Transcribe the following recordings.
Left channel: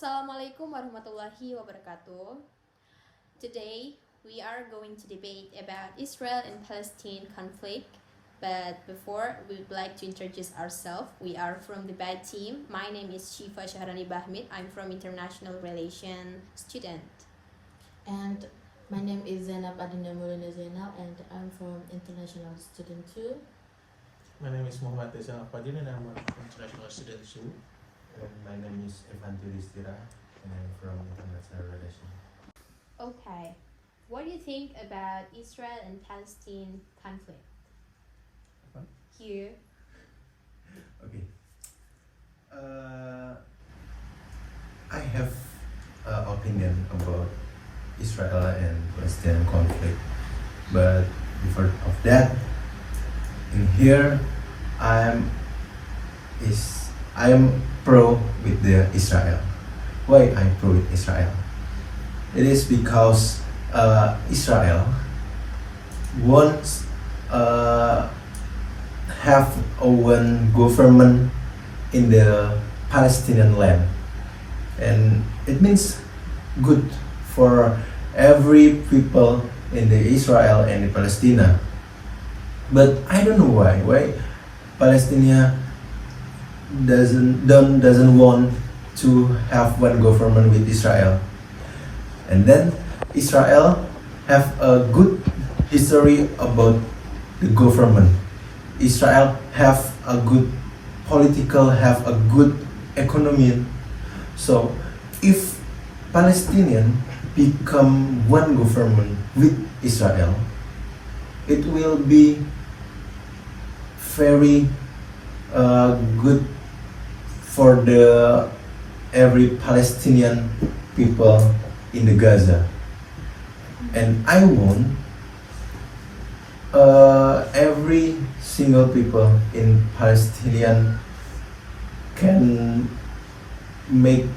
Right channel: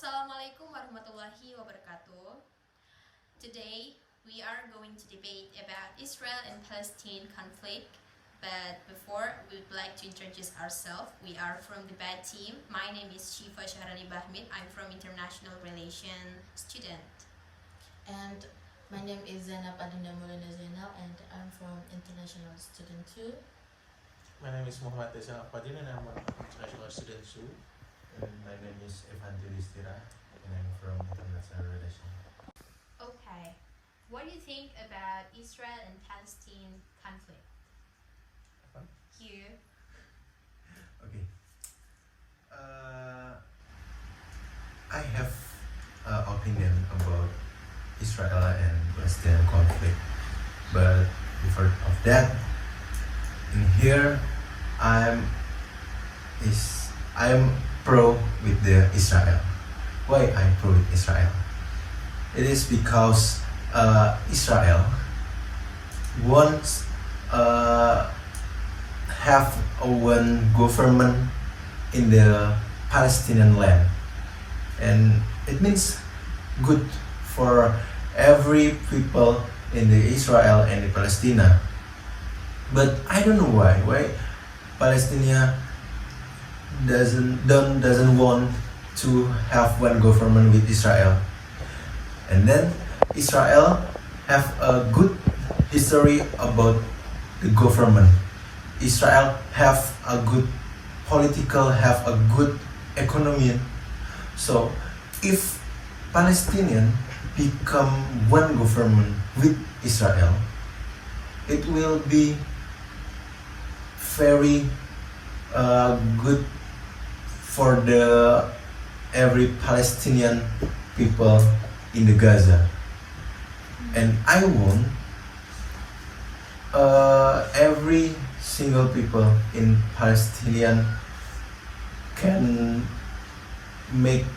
Assalamualaikum warahmatullahi wabarakatuh. Today we are going to debate about Israel and Palestine conflict. But before, we would like to introduce ourselves. We are from the debate team. My name is Syahrani Bachmid. I'm from International Relations student. And my name is Adinda and I'm from International Student too. My name is Alfajrin and I'm an international student too. My name is Evantio Yudhistira and I'm from International Relations. Okay, what do you think about Israel and Palestine conflict? Apa? Here. Okay. I have an opinion about Israel and Palestine conflict, but before of that, in here I'm pro with the Israel. Why I'm pro with Israel? It is because Israel wants have one government in the Palestinian land, and it means good for every people in the Israel and the Palestine. But I don't know why Palestine doesn't want to have one government with Israel, and then Israel have a good history about the government. Israel have a good political, have a good economy. So if Palestinian become one government with Israel, it will be very good for the every Palestinian people in the Gaza. And I want every single people in Palestinian can make,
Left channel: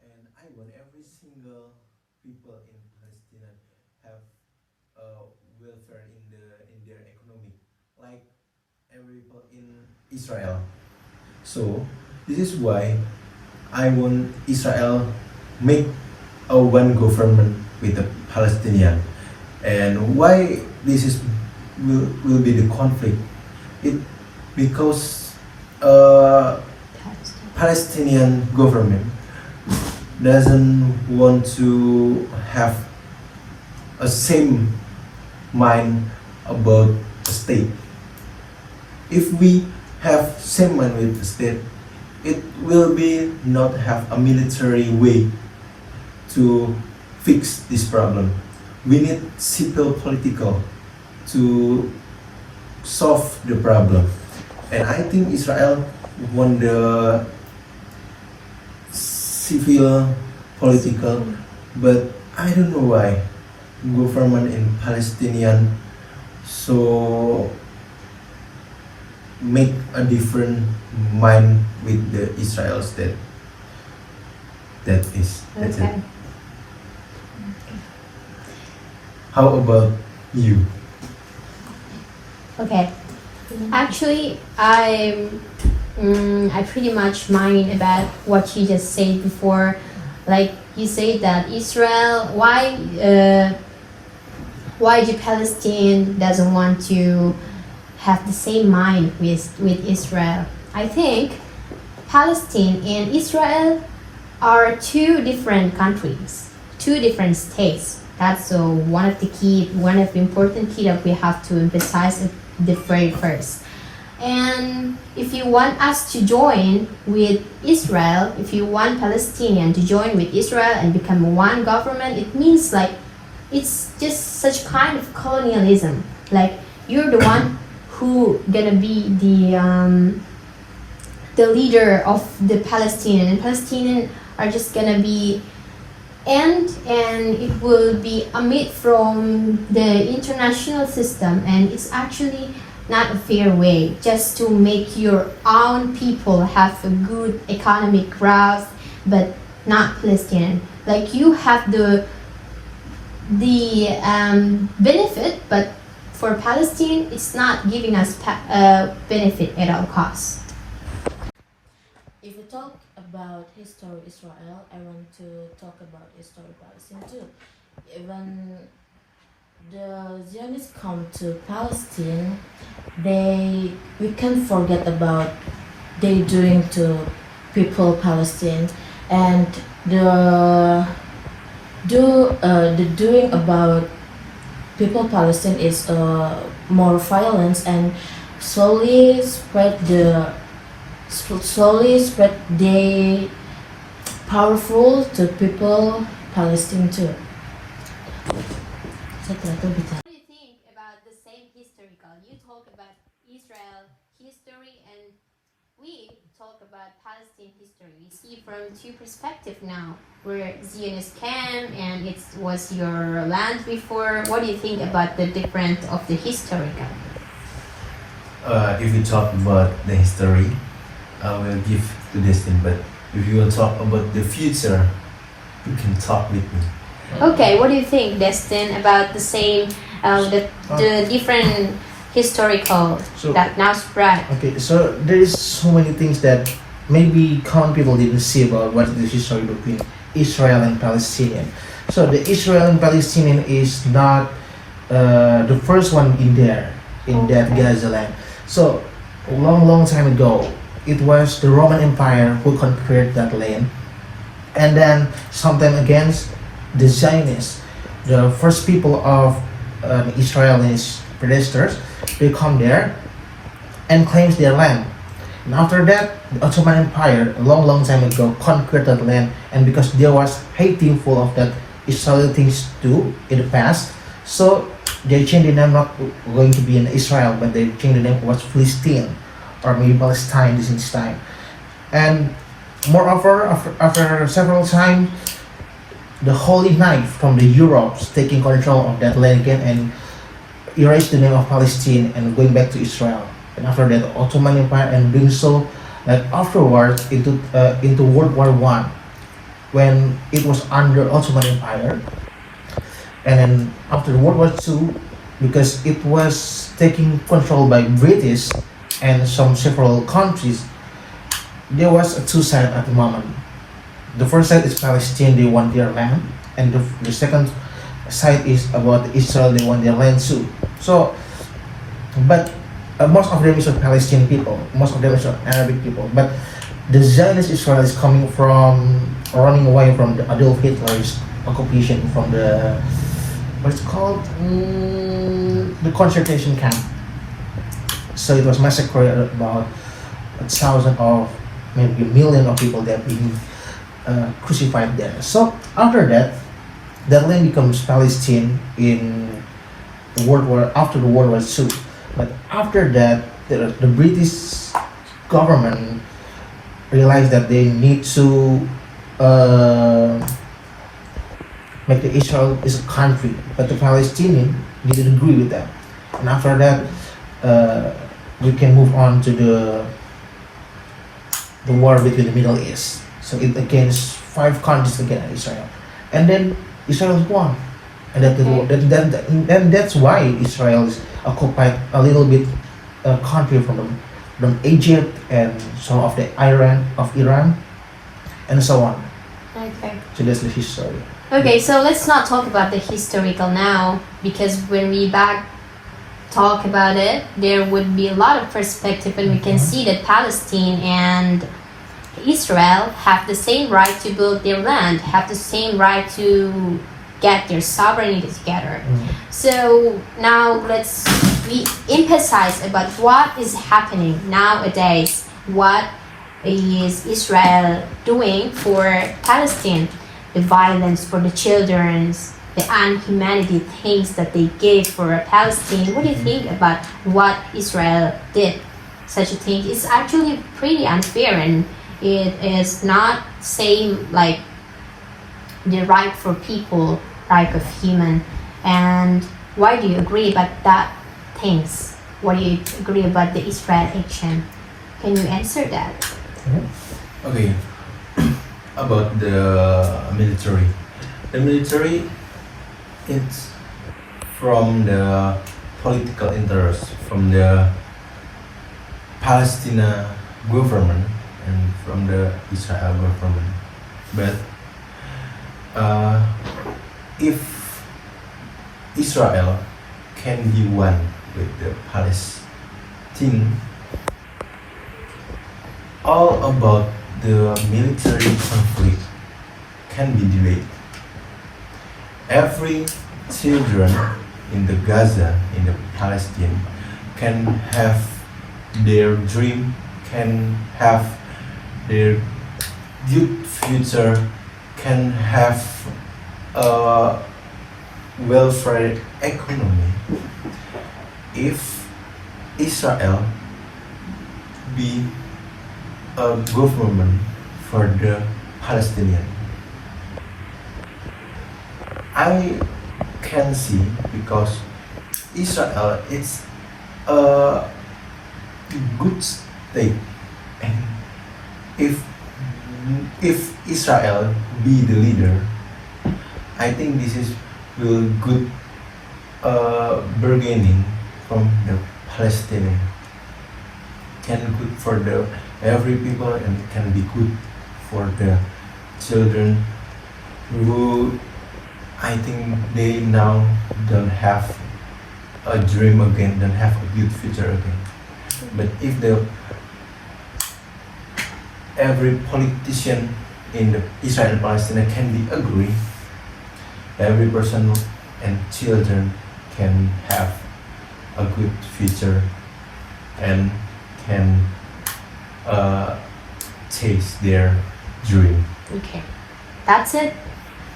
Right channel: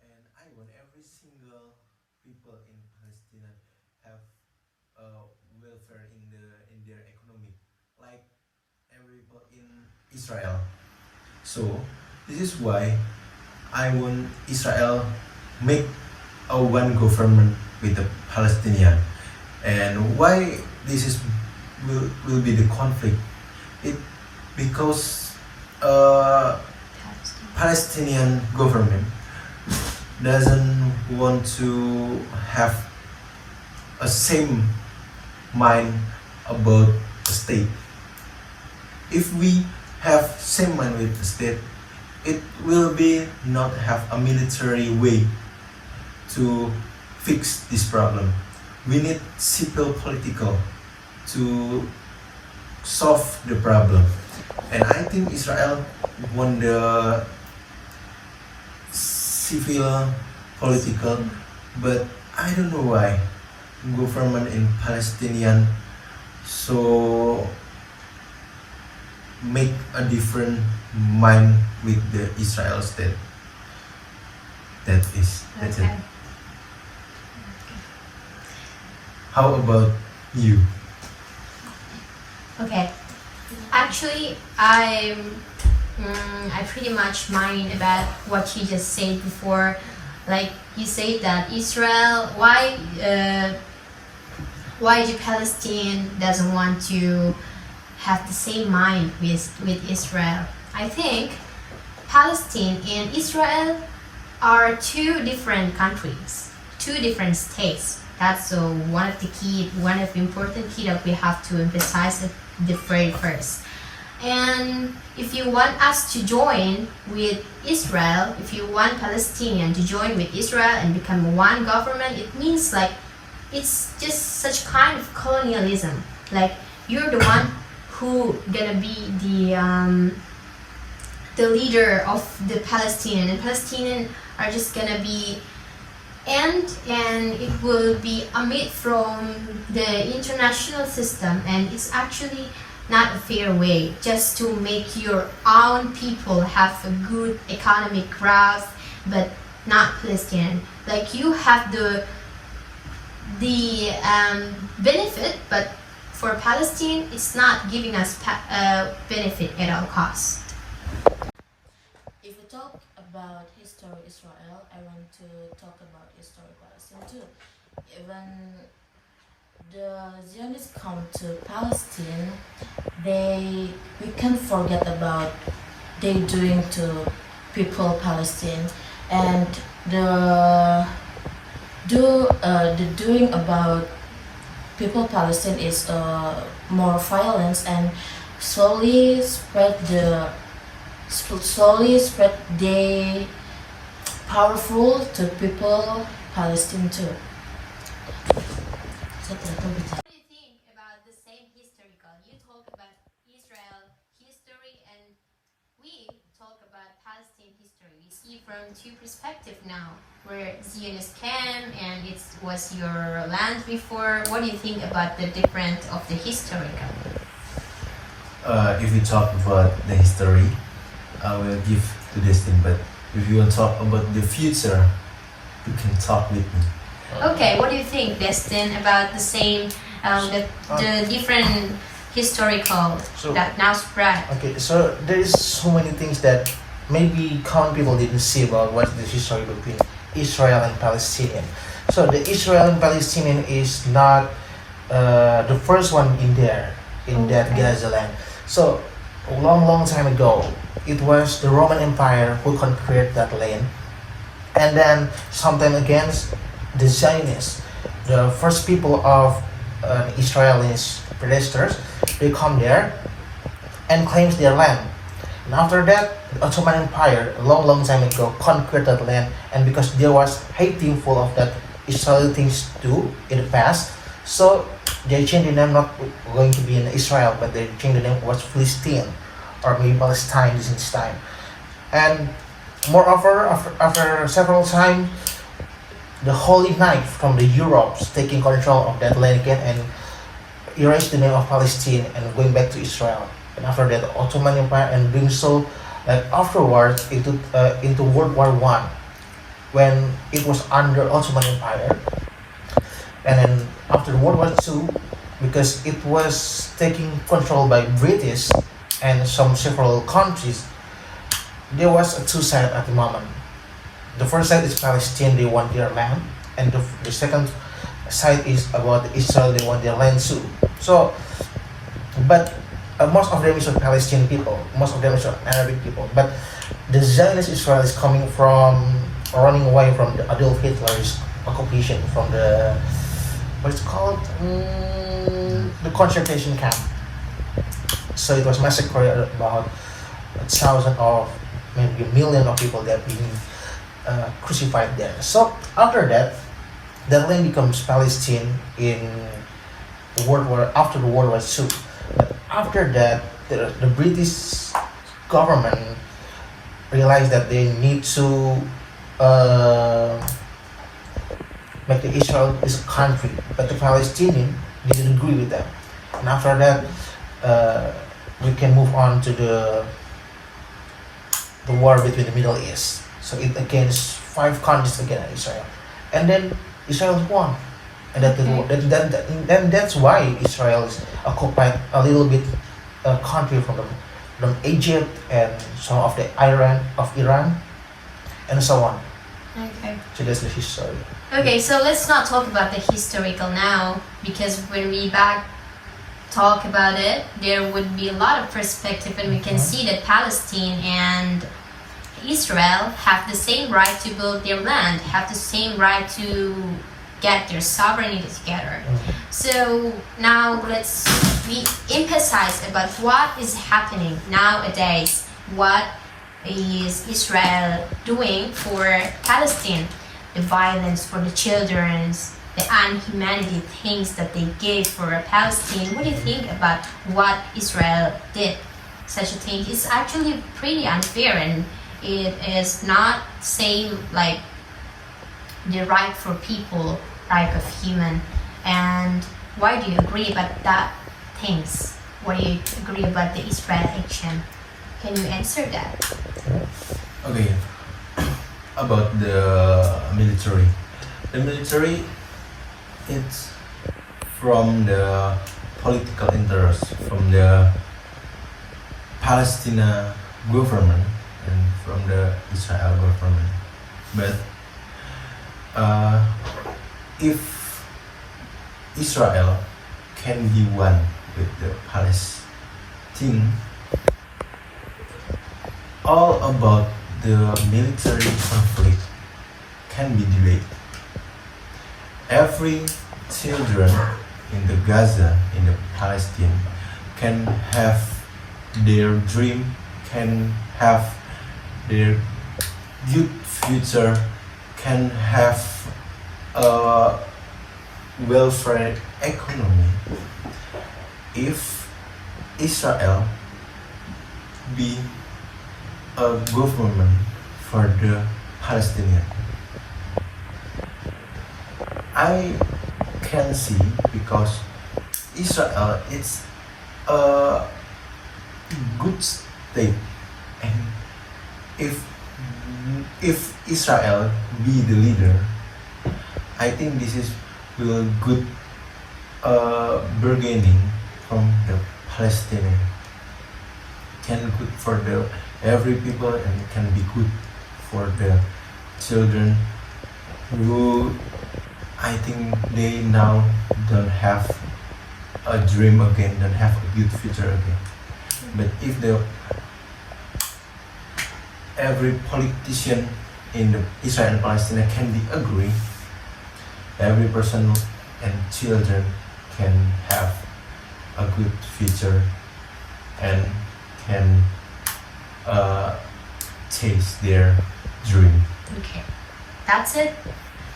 and I want every single people in Palestine have welfare in their economy, like every people in Israel. So this is why I want Israel make a one government with the Palestinian. And why this is will be the conflict? It because Palestinian government doesn't want to have a same mind about the state. If we have same mind with the state, it will be not have a military way to fix this problem. We need civil political to solve the problem. And I think Israel want the civil political, but I don't know why government in Palestinian so make a different mind with the Israel state. That's Okay. it. How about you? Okay. Actually, I pretty much mind about what you just said before. Like you said that Israel, why the Palestine doesn't want to have the same mind with Israel. I think Palestine and Israel are two different countries, two different states. That's one of the important key that we have to emphasize at the very first. And if you want us to join with Israel, if you want Palestinian to join with Israel and become one government, it means like it's just such kind of colonialism. Like you're the one who gonna be the leader of the Palestinian, and Palestinian are just gonna be and it will be omit from the international system, and it's actually not a fair way just to make your own people have a good economic growth, but not Palestinian. Like you have the benefit, but for Palestine, it's not giving us benefit at all costs. If you talk about history Israel, I want to talk about history Palestine too. Even the Zionists come to Palestine, we can't forget about they doing to people Palestine, and the doing about people Palestine is more violence and slowly spread they powerful to people Palestine too. What do you think about the same historical? You talk about Israel history and we talk about Palestine history. We see from two perspectives now, where Zionists came and it was your land before. What do you think about the difference of the historical? If we talk about the history, I will give to Destin. But if you will talk about the future, you can talk with me. Okay, what do you think, Destin, about the same, the different historical So- that now spread? Okay, so there is so many things that maybe common people didn't see about what is the history between Israel and Palestinian. So the Israel and Palestinian is not the first one in there, in that Gaza land. So a long time ago, it was the Roman Empire who conquered that land, and then sometime against the Zionists, the first people of the Israelis predecessors, they come there and claims their land. And after that, the Ottoman Empire, a long time ago, conquered that land, and because there was hateful of that Israeli things too in the past, so they changed the name, not going to be in Israel, but they changed the name was Palestine, or maybe Palestine this time. And moreover, after several times, the Holy Knight from the Europe's taking control of that land again and erased the name of Palestine and going back to Israel. And after that, the Ottoman Empire, and doing so that afterwards into World War I, when it was under Ottoman Empire, and then after World War II, because it was taking control by British and several countries, there was a two sides at the moment. The first side is Palestine, they want their land, and the second side is about Israel, they want their land too. So, but most of them is Palestinian people, most of them is Arabic people, but the Zionist Israel is coming from running away from the Adolf Hitler's occupation from the what's called the concentration camp. So it was massacred about 1,000 or maybe 1 million of people that being crucified there. So after that, the land becomes Palestine in the after the World War II. But after that, the British government realized that they need to make the Israel is a country, but the Palestinian didn't agree with that. And after that, we can move on to the war between the Middle East. So it against 5 countries against Israel, and then Israel won, and that's why Israel is occupied a little bit country from Egypt and some of the Iran, and so on. Okay. So that's the history. Okay, so let's not talk about the historical now, because when we talk about it, there would be a lot of perspective, and we can see that Palestine and Israel have the same right to build their land, have the same right to get their sovereignty together. So now we emphasize about what is happening nowadays. What is Israel doing for Palestine? The violence for the children, the unhumanity things that they gave for Palestine. What do you think about what Israel did? Such a thing is actually pretty unfair, and it is not same like the right for people, right of human. And why do you agree about that things? What do you agree about the Israel action? Can you answer that? Okay, about the military. The military, it's from the political interest from the Palestinian government and from the Israel government. But if Israel can be one with the Palestine, all about the military conflict can be delayed. Every children in the Gaza, in the Palestine, can have their dream, can have their good future, can have a welfare economy if Israel be a government for the Palestinian. I can see because Israel is a good state, and if Israel be the leader, I think this is will good bargaining from the Palestinian, can good for the every people and can be good for the children who I think they now don't have a dream again, don't have a good future again. But if the every politician in the Israel and Palestine can be agree, every person and children can have a good future and can chase their dream. Okay, that's it.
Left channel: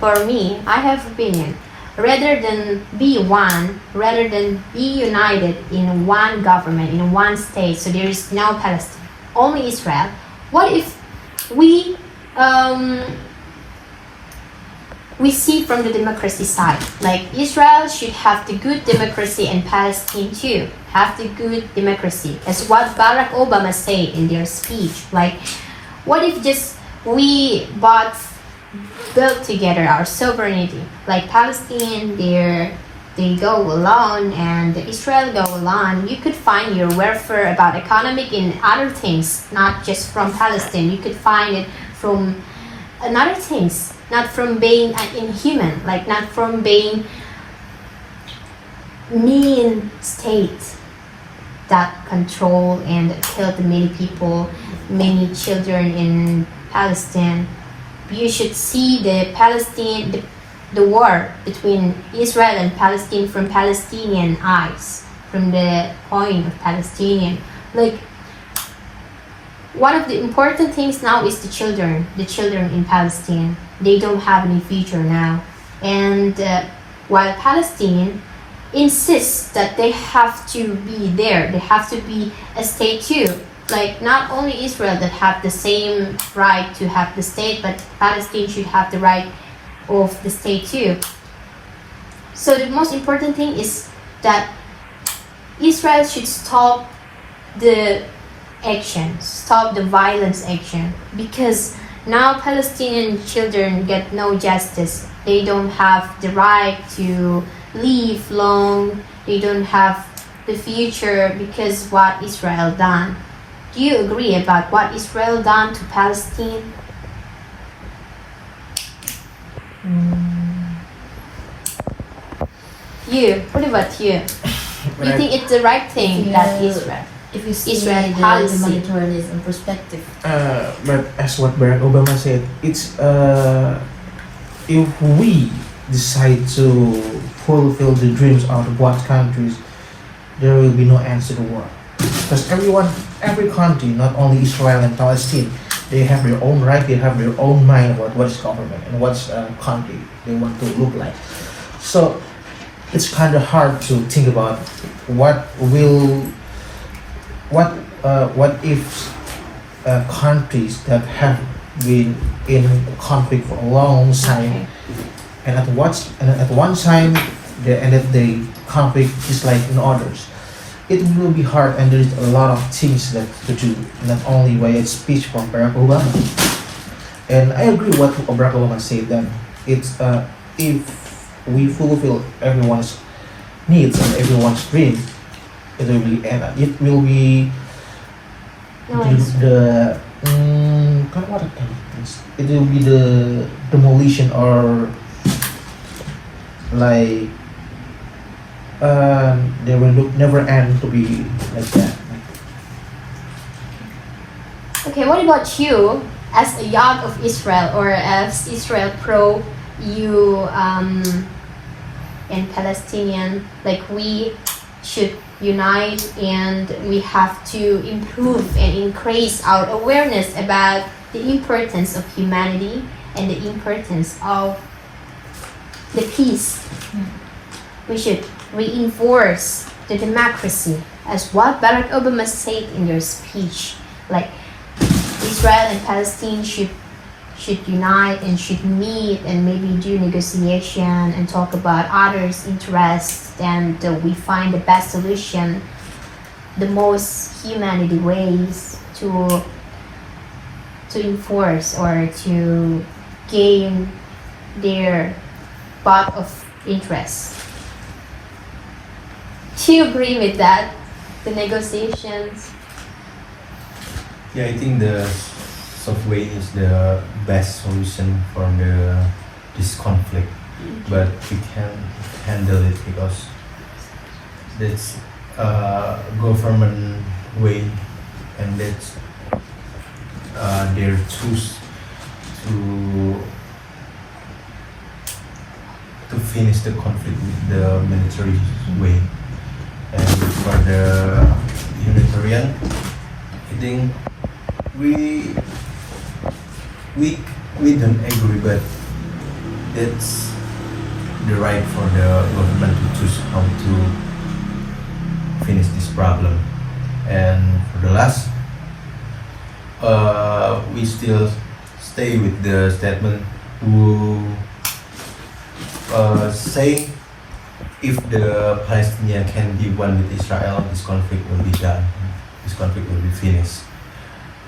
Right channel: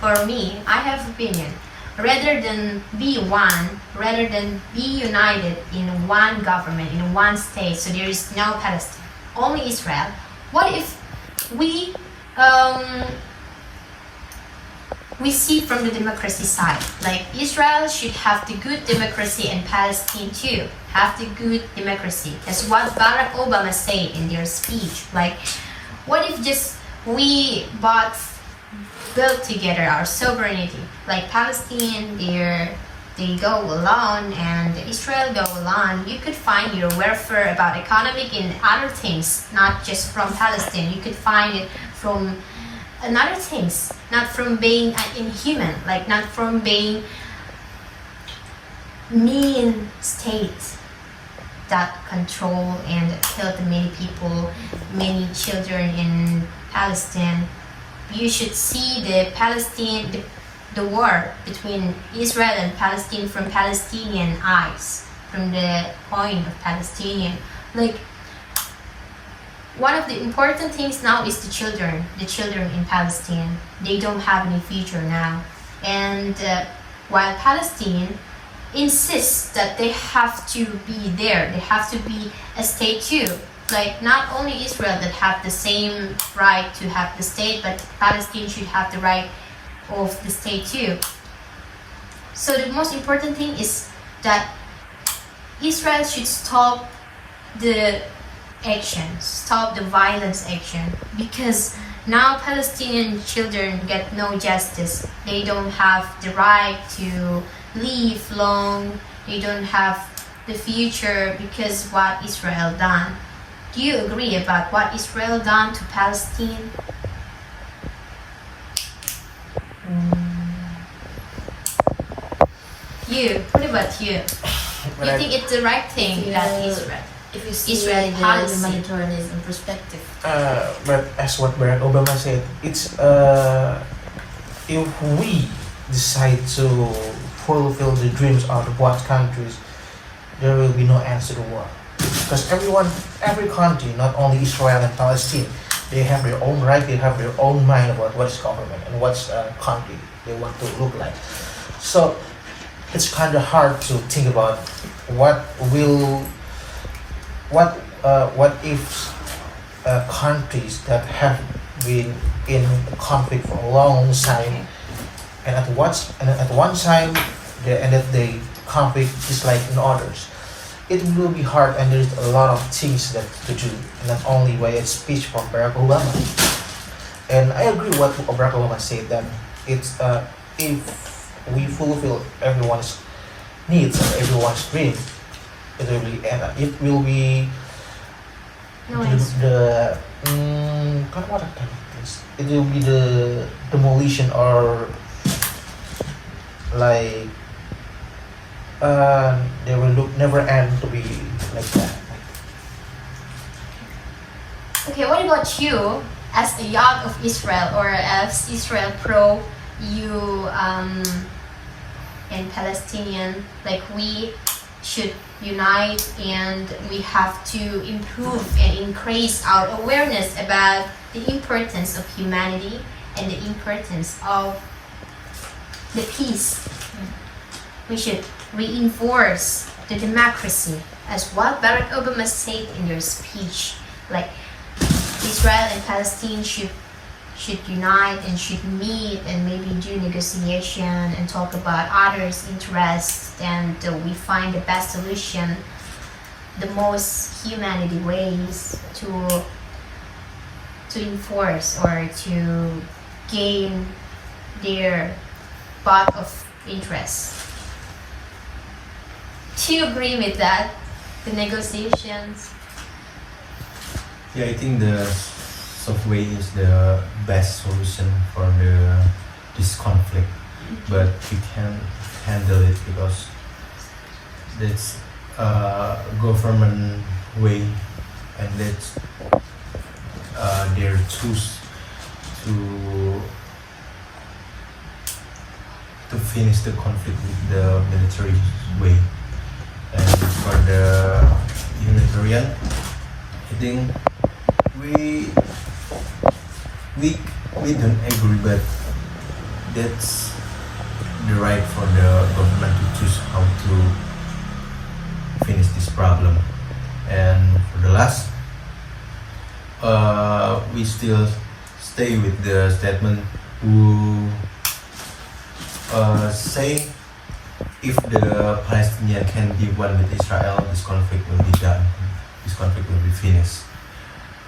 For me, I have opinion. Rather than be one, rather than be united in one government, in one state, so there is no Palestine, only Israel. What if we see from the democracy side, like Israel should have the good democracy and Palestine too have the good democracy, as what Barack Obama said in their speech. Like, what if just we both build together our sovereignty, like Palestine, they go alone and Israel go alone. You could find your welfare about economic and other things, not just from Palestine. You could find it from another things, not from being inhuman, like not from being mean state that control and killed many people, many children in Palestine. You should see the war between Israel and Palestine from Palestinian eyes, from the point of Palestinian. Like, one of the important things now is the children in Palestine. They don't have any future now. And while Palestine insists that they have to be there, they have to be a state too. Like, not only Israel that have the same right to have the state, but Palestine should have the right of the state too. So the most important thing is that Israel should stop the action, stop the violence action, because now Palestinian children get no justice. They don't have the right to live long. They don't have the future because what Israel done. Do you agree about what Israel done to Palestine? You, what about you? You think it's the right thing that Israel? If you see Israel the policy. humanitarianism perspective, But as what Barack Obama said, it's if we decide to fulfill the dreams of what countries, there will be no answer to war. Because every country, not only Israel and Palestine, they have their own right, they have their own mind about what's government and what's country they want to look like. So it's kind of hard to think about what if countries that have been in conflict for a long time, and at one time the end of the conflict is like in others. It will be hard, and there's a lot of things that to do, not only by a speech from Barack Obama. And I agree what Barack Obama said then. It's if we fulfill everyone's needs and everyone's dream, it will be What a kind of things. It will be the demolition or like they will look never end to be like that. Okay, what about you as a young of Israel or as Israel pro, you and Palestinian, like we should unite and we have to improve and increase our awareness about the importance of humanity and the importance of the peace. We should reinforce the democracy as what Barack Obama said in their speech, like Israel and Palestine should unite and should meet and maybe do negotiation and talk about others' interests, and we find the best solution, the most humanity ways to enforce or to gain their part of interest. Do you agree with that? The negotiations? Yeah, I think the soft way is the best solution for this conflict, but we can handle it because that's government way, and that's their choose to finish the conflict with the military way. And for the humanitarian, I think we don't agree, but that's the right for the government to choose how to finish this problem. And for the last, we still stay with the statement who say if the Palestinian can be one with Israel, this conflict will be done. This conflict will be finished.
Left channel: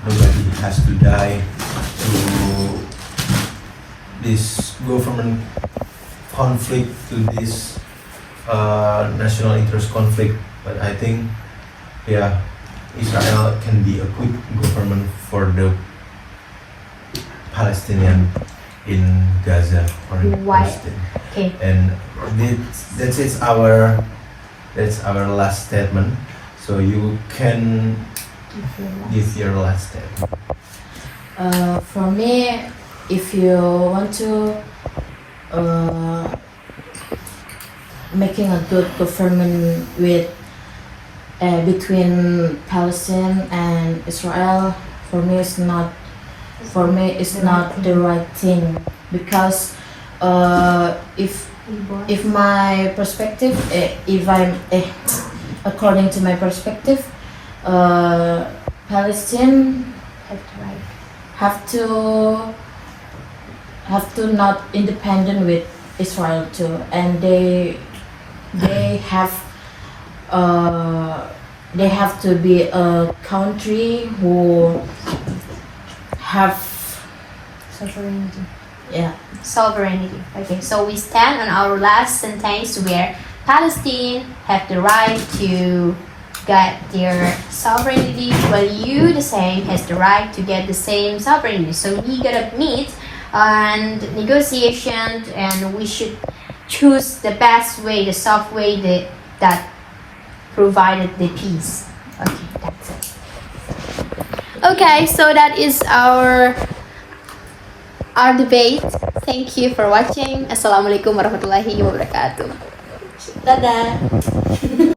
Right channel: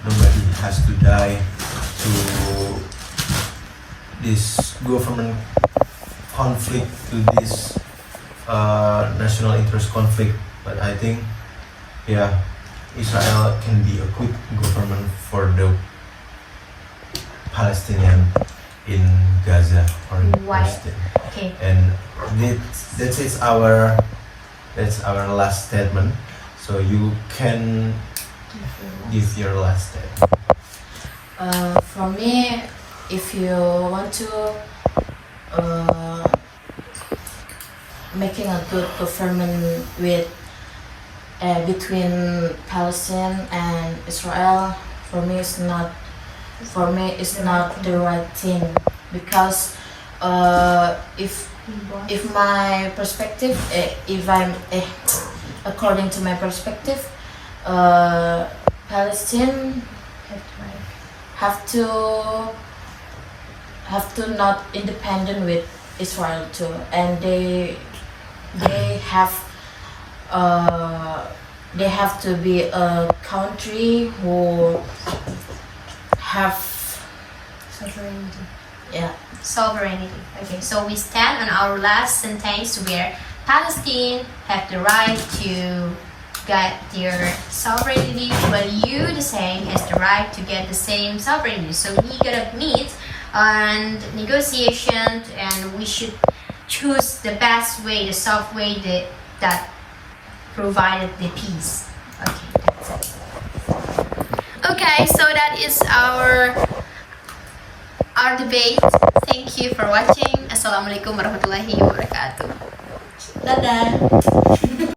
Nobody has to die to this government conflict, to this national interest conflict. But I think, yeah, Israel can be a good government for the Palestinian in Gaza or Why? Palestine. Okay. And that's our last statement. So you can give your last statement. For me, if you want to making a good government with between Palestine and Israel, for me it's not the right thing, because if my perspective, if I'm according to my perspective, Palestine have to not independent with Israel too, and they have to be a country who have Sovereignty. yeah Sovereignty. Okay, so we stand on our last sentence where Palestine have the right to get their sovereignty, while you, the same, has the right to get the same sovereignty. So we gotta meet and negotiation, and we should choose the best way, the soft way that provided the peace. Okay, that's it. Okay, so that is our debate. Thank you for watching. Assalamualaikum warahmatullahi wabarakatuh. Dadah.